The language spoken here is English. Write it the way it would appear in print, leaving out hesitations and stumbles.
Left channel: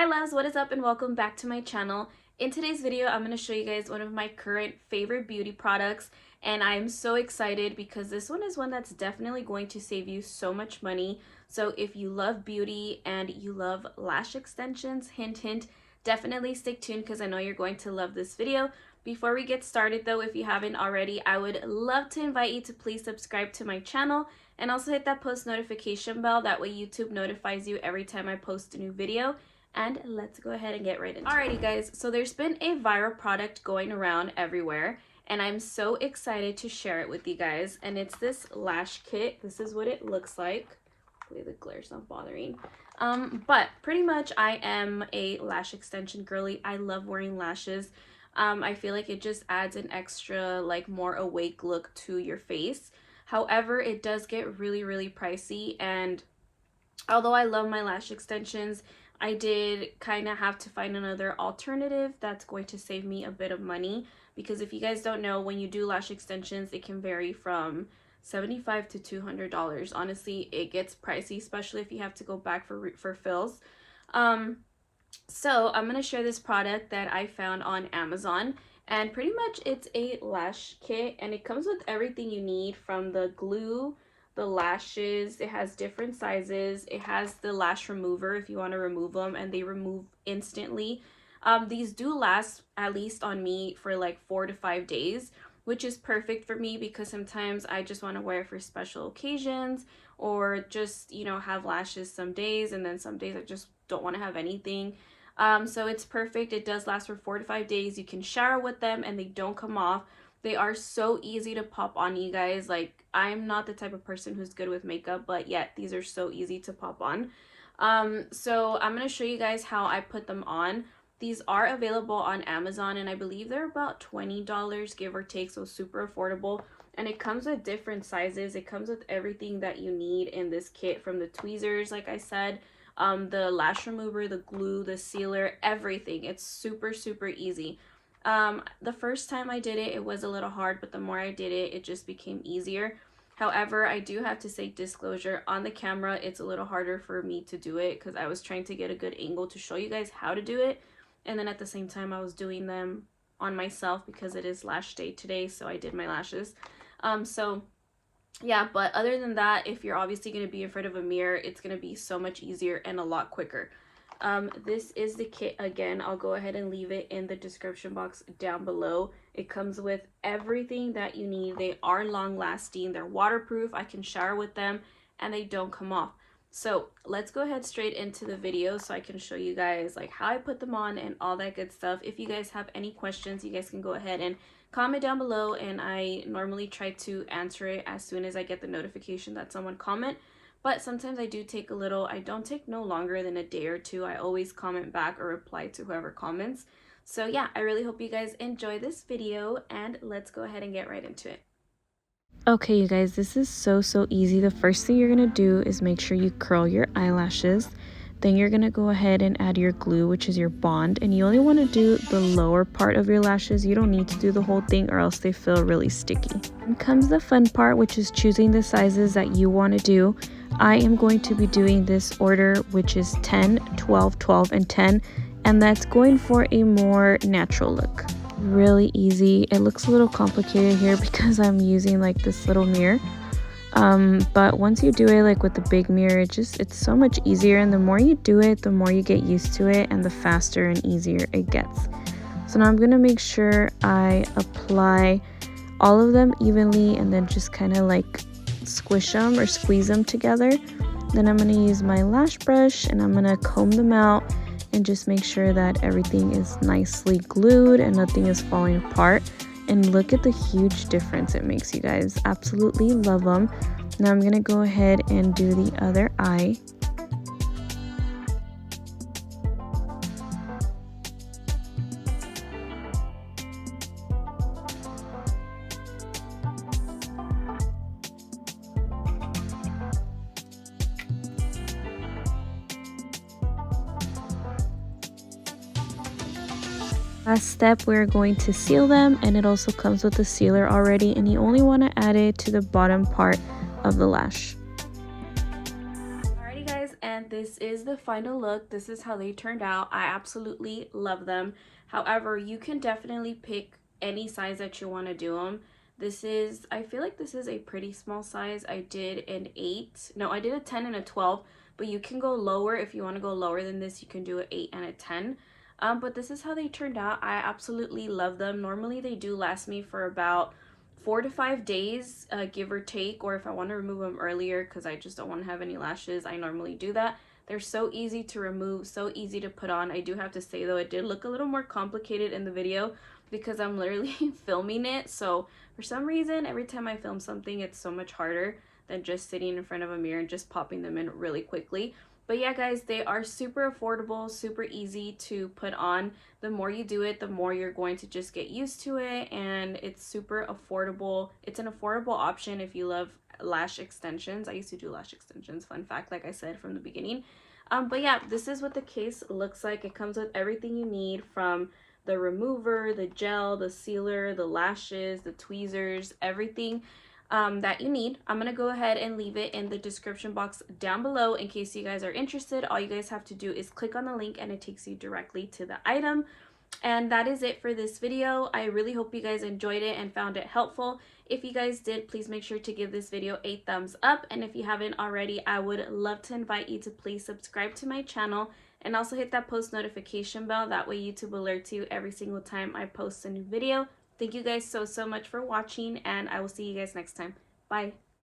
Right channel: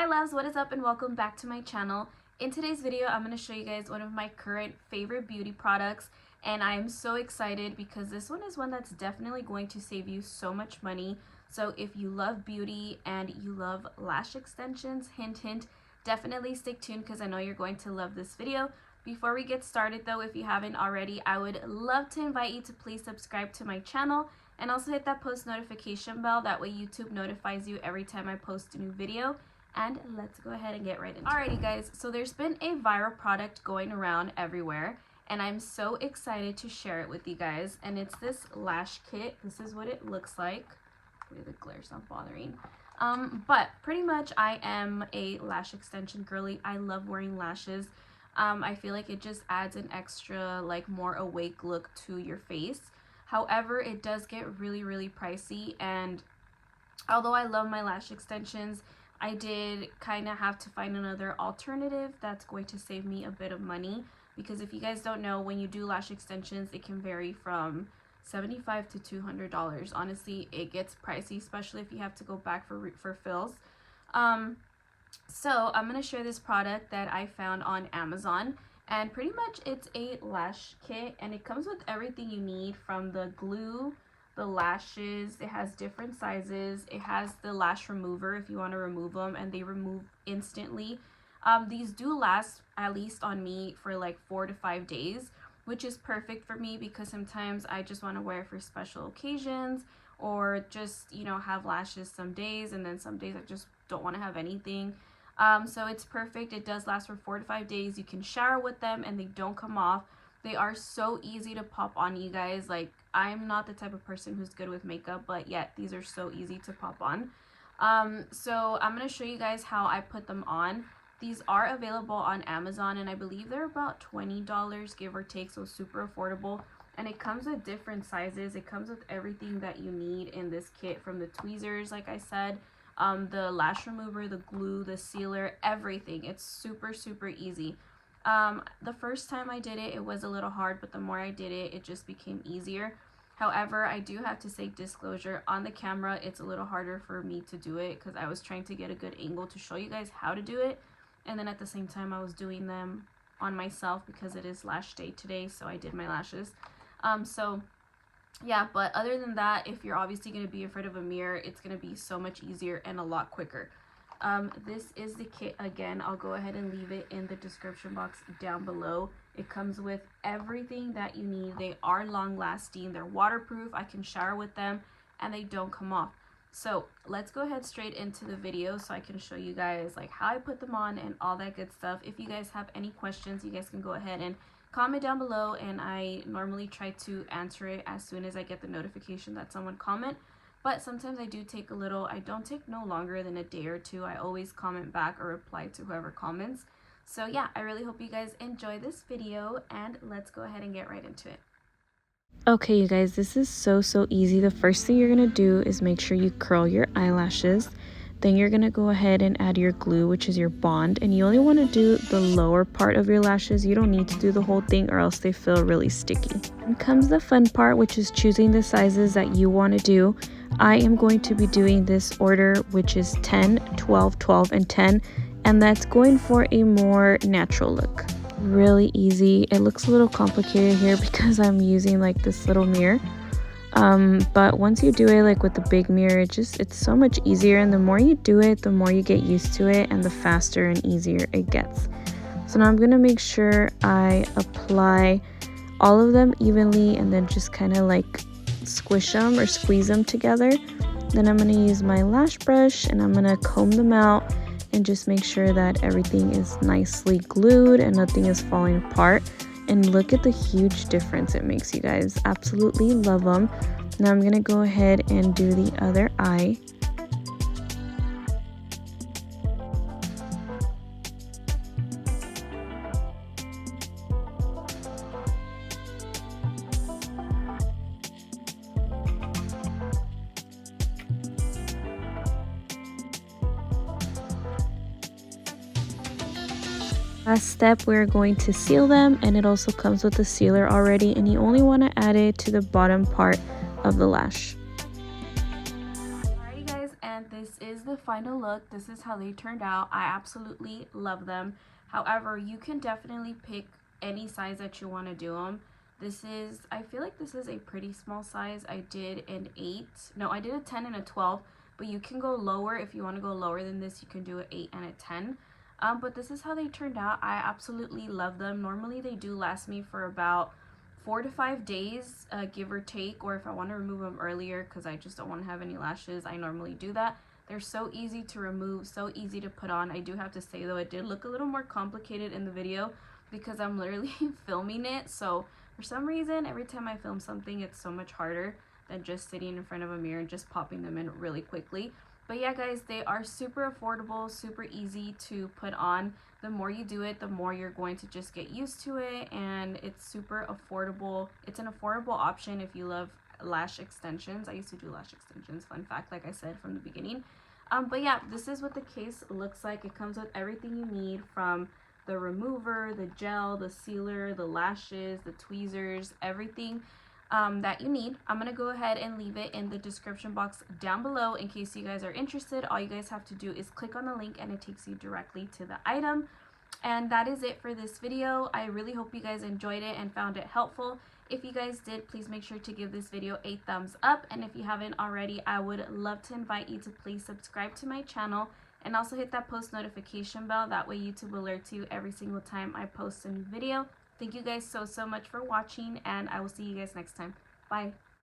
Hi loves, what is up and welcome back to my channel. In today's video, I'm going to show you guys one of my current favorite beauty products, and I am so excited because this one is one that's definitely going to save you so much money. So if you love beauty and you love lash extensions, hint hint, definitely stay tuned because I know you're going to love this video. Before we get started though, if you haven't already, I would love to invite you to please subscribe to my channel and also hit that post notification bell. That way YouTube notifies you every time I post a new video. And let's go ahead and get right into it. Alrighty guys, so there's been a viral product going around everywhere and I'm so excited to share it with you guys, and it's this lash kit. This is what it looks like. Hopefully the glare's not bothering. But pretty much I am a lash extension girly. I love wearing lashes. I feel like it just adds an extra, like, more awake look to your face. However, it does get really pricey, and although I love my lash extensions, I did kind of have to find another alternative that's going to save me a bit of money, because if you guys don't know, when you do lash extensions, it can vary from $75 to $200. Honestly, it gets pricey, especially if you have to go back for fills. So I'm going to share this product that I found on Amazon, and pretty much it's a lash kit, and it comes with everything you need, from the glue, the lashes. It has different sizes. It has the lash remover if you want to remove them, and they remove instantly. These do last, at least on me, for like 4 to 5 days, which is perfect for me because sometimes I just want to wear it for special occasions, or just, you know, have lashes some days, and then some days I just don't want to have anything. So it's perfect. It does last for 4 to 5 days. You can shower with them and they don't come off. They are so easy to pop on, you guys. Like, I'm not the type of person who's good with makeup, but yet these are so easy to pop on. So I'm going to show you guys how I put them on. These are available on Amazon, and I believe they're about $20, give or take, so super affordable. And it comes with different sizes. It comes with everything that you need in this kit, from the tweezers, like I said, the lash remover, the glue, the sealer, everything. It's super easy. The first time I did it, it was a little hard, but the more I did it, it just became easier. However, I do have to say, disclosure, on the camera it's a little harder for me to do it because I was trying to get a good angle to show you guys how to do it, and then at the same time I was doing them on myself because it is lash day today, so I did my lashes. So yeah, but other than that, if you're obviously going to be in front of a mirror, it's going to be so much easier and a lot quicker. This is the kit. Again, I'll go ahead and leave it in the description box down below. It comes with everything that you need. They are long lasting, they're waterproof, I can shower with them, and they don't come off. So let's go ahead straight into the video so I can show you guys like how I put them on and all that good stuff. If you guys have any questions, you guys can go ahead and comment down below, and I normally try to answer it as soon as I get the notification that someone comment. But sometimes I do take a little, I don't take no longer than a day or two. I always comment back or reply to whoever comments. So yeah, I really hope you guys enjoy this video, and let's go ahead and get right into it. Okay, you guys, this is so easy. The first thing you're gonna do is make sure you curl your eyelashes. Then you're gonna go ahead and add your glue, which is your bond, and you only want to do the lower part of your lashes. You don't need to do the whole thing, or else they feel really sticky. Then comes the fun part, which is choosing the sizes that you want to do. I am going to be doing this order, which is 10, 12, 12, and 10, and that's going for a more natural look. Really easy. It looks a little complicated here because I'm using like this little mirror. But once you do it like with the big mirror, it's so much easier, and the more you do it, the more you get used to it, and the faster and easier it gets. So now I'm gonna make sure I apply all of them evenly, and then just kind of like squish them or squeeze them together. Then I'm gonna use my lash brush and I'm gonna comb them out and just make sure that everything is nicely glued and nothing is falling apart. And look at the huge difference it makes, you guys. Absolutely love them. Now I'm gonna go ahead and do the other eye. Last step, we're going to seal them, and it also comes with a sealer already, and you only want to add it to the bottom part of the lash. Alrighty guys, and this is the final look. This is how they turned out. I absolutely love them. However, you can definitely pick any size that you want to do them. This is, I feel like this is a pretty small size. I did an 8. No, I did a 10 and a 12, but you can go lower. If you want to go lower than this, you can do an 8 and a 10. But this is how they turned out. I absolutely love them. Normally they do last me for about 4 to 5 days, give or take, or if I want to remove them earlier because I just don't want to have any lashes, I normally do that. They're so easy to remove, so easy to put on. I do have to say though, it did look a little more complicated in the video because I'm literally filming it, so for some reason every time I film something it's so much harder than just sitting in front of a mirror and just popping them in really quickly. But yeah guys, they are super affordable, super easy to put on. The more you do it, the more you're going to just get used to it, and it's super affordable. It's an affordable option if you love lash extensions. I used to do lash extensions, fun fact, like I said from the beginning. But yeah, this is what the case looks like. It comes with everything you need, from the remover, the gel, the sealer, the lashes, the tweezers, everything that you need. I'm gonna go ahead and leave it in the description box down below in case you guys are interested. All you guys have to do is click on the link and it takes you directly to the item. And that is it for this video. I really hope you guys enjoyed it and found it helpful. If you guys did, please make sure to give this video a thumbs up, and if you haven't already, I would love to invite you to please subscribe to my channel and also hit that post notification bell. That way YouTube alerts you every single time I post a new video. Thank you guys so much for watching, and I will see you guys next time. Bye.